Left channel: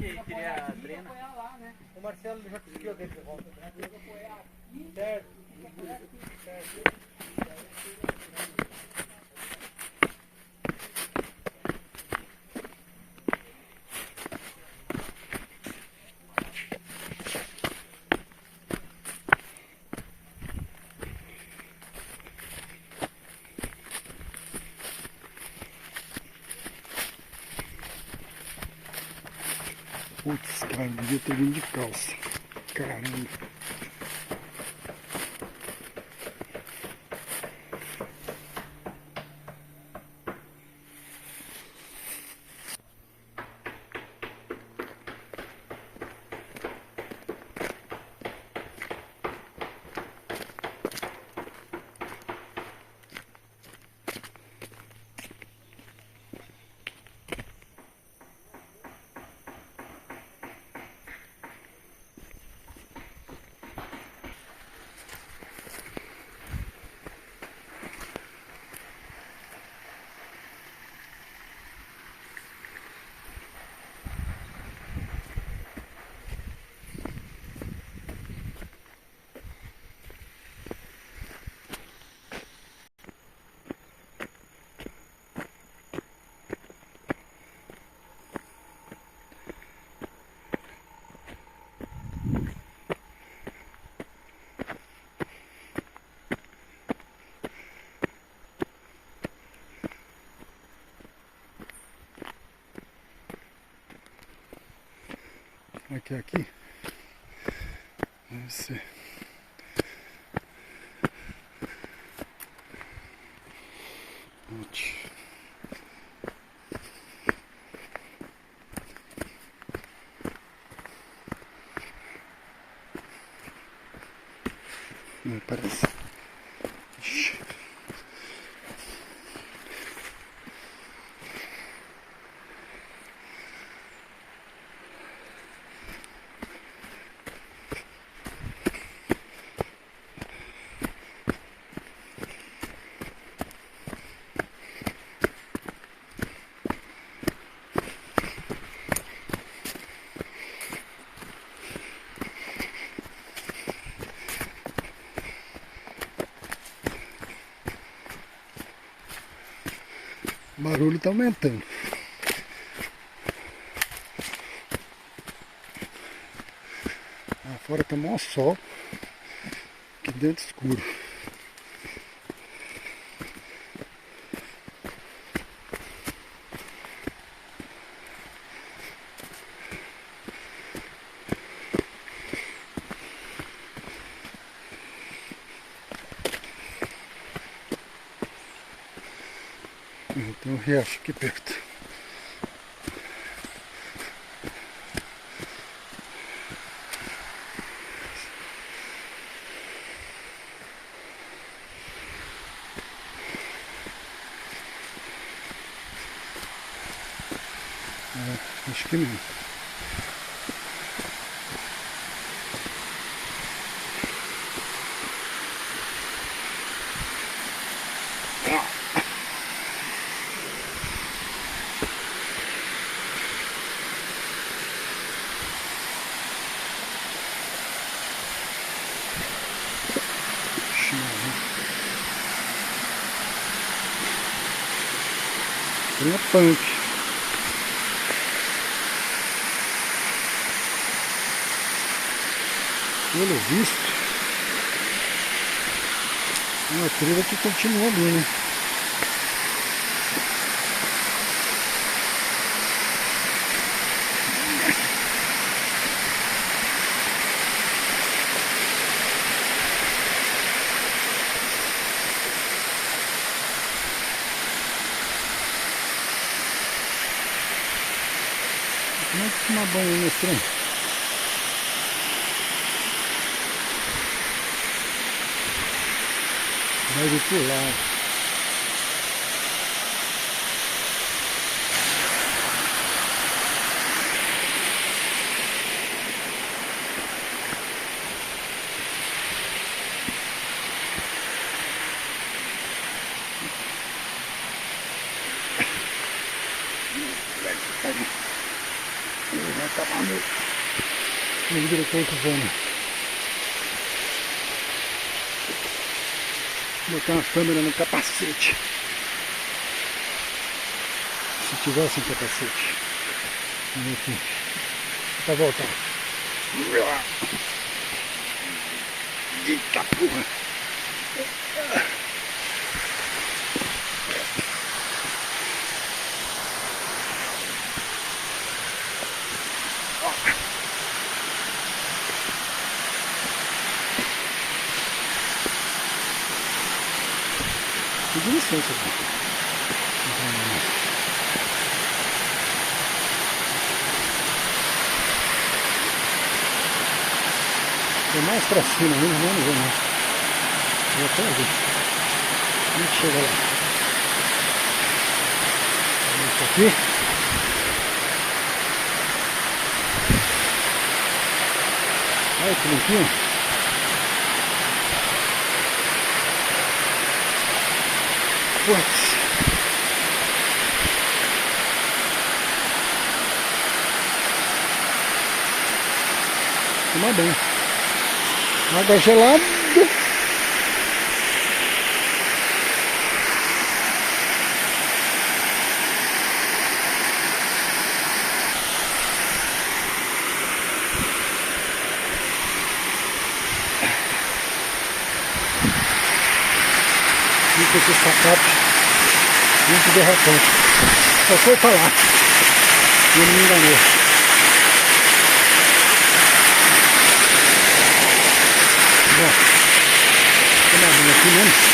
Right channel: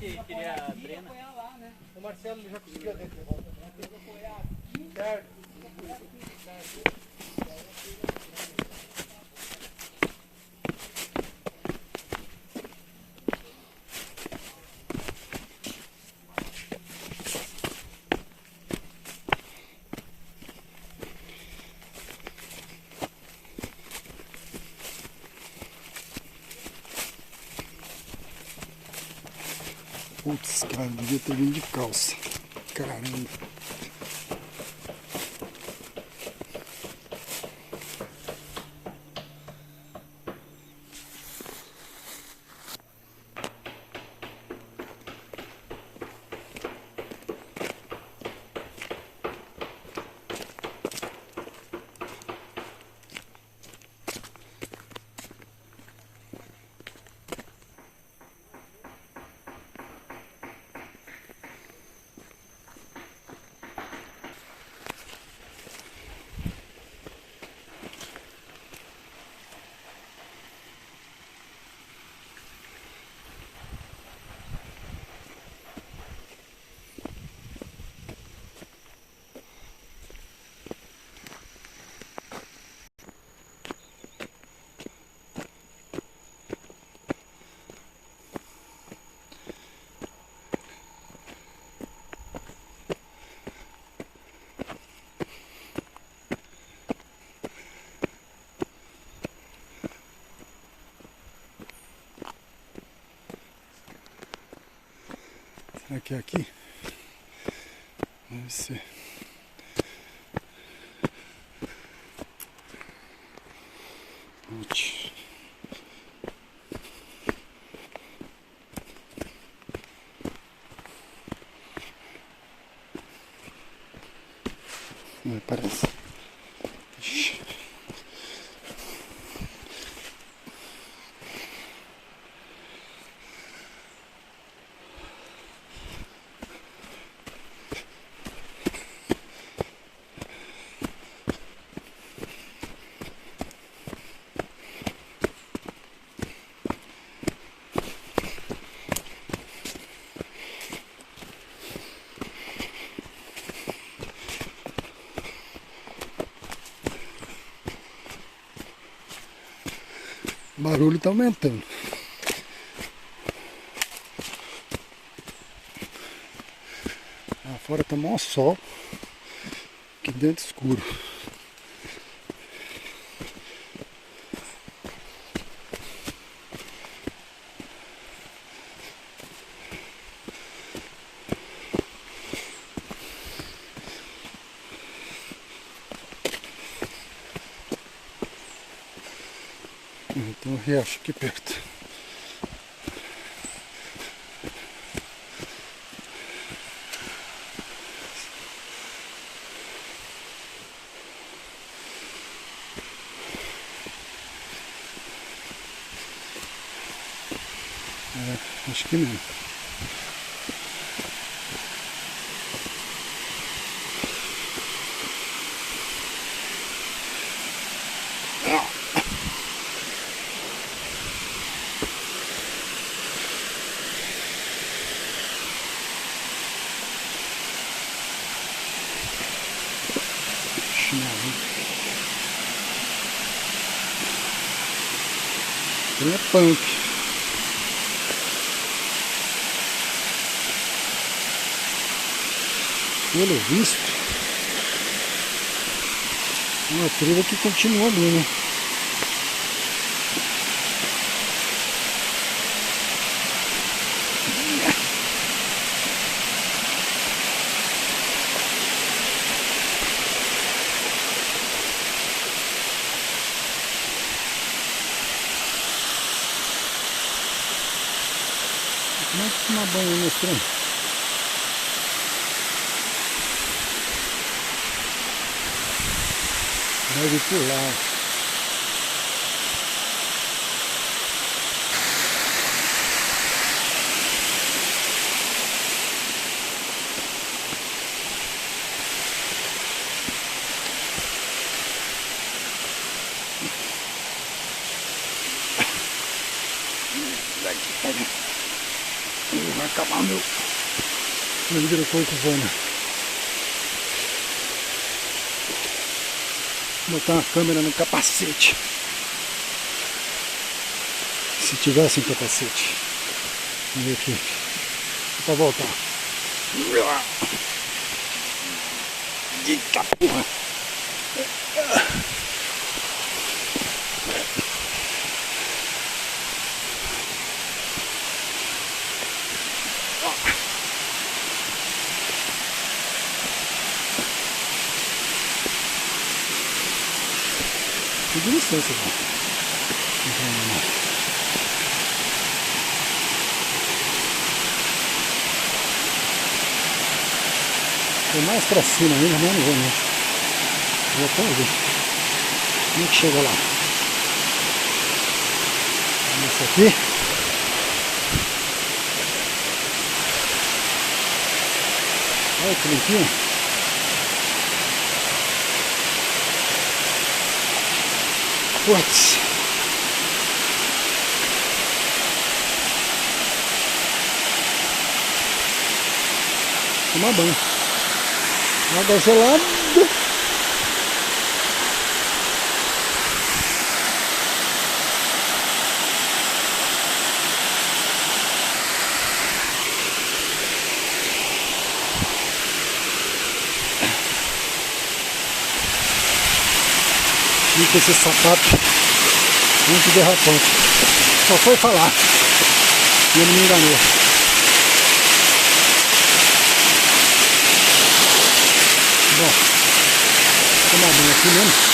que queria drena. O Marcelo já conseguiu dele de volta. Certo. Putz, cara, devia ter vindo de calça. Caramba. Será que é aqui? Deve ser. Ótimo. Não parece. O barulho está aumentando. Lá fora está maior sol, aqui dentro escuro. Tem um riacho aqui perto. Acho que não. É punk. Pelo visto, uma trilha que continua ali, né? Como é que toma banho nesse trem? Deve pular. Vai acabar meu diretor que voa, né? Vou botar uma câmera no capacete. Se tivesse um capacete. Vamos ver aqui. Pra voltar. Eita porra! Pedi licença aqui. Vou mais pra cima ainda, mas não vou não. Vou até ver. Como é que chega lá? Isso aqui. Olha que limpinho. Putz. Tomar banho. Água gelada. E com esse sapato muito derrapante. Só foi falar. E ele me enganou. Bom, tomar banho aqui mesmo.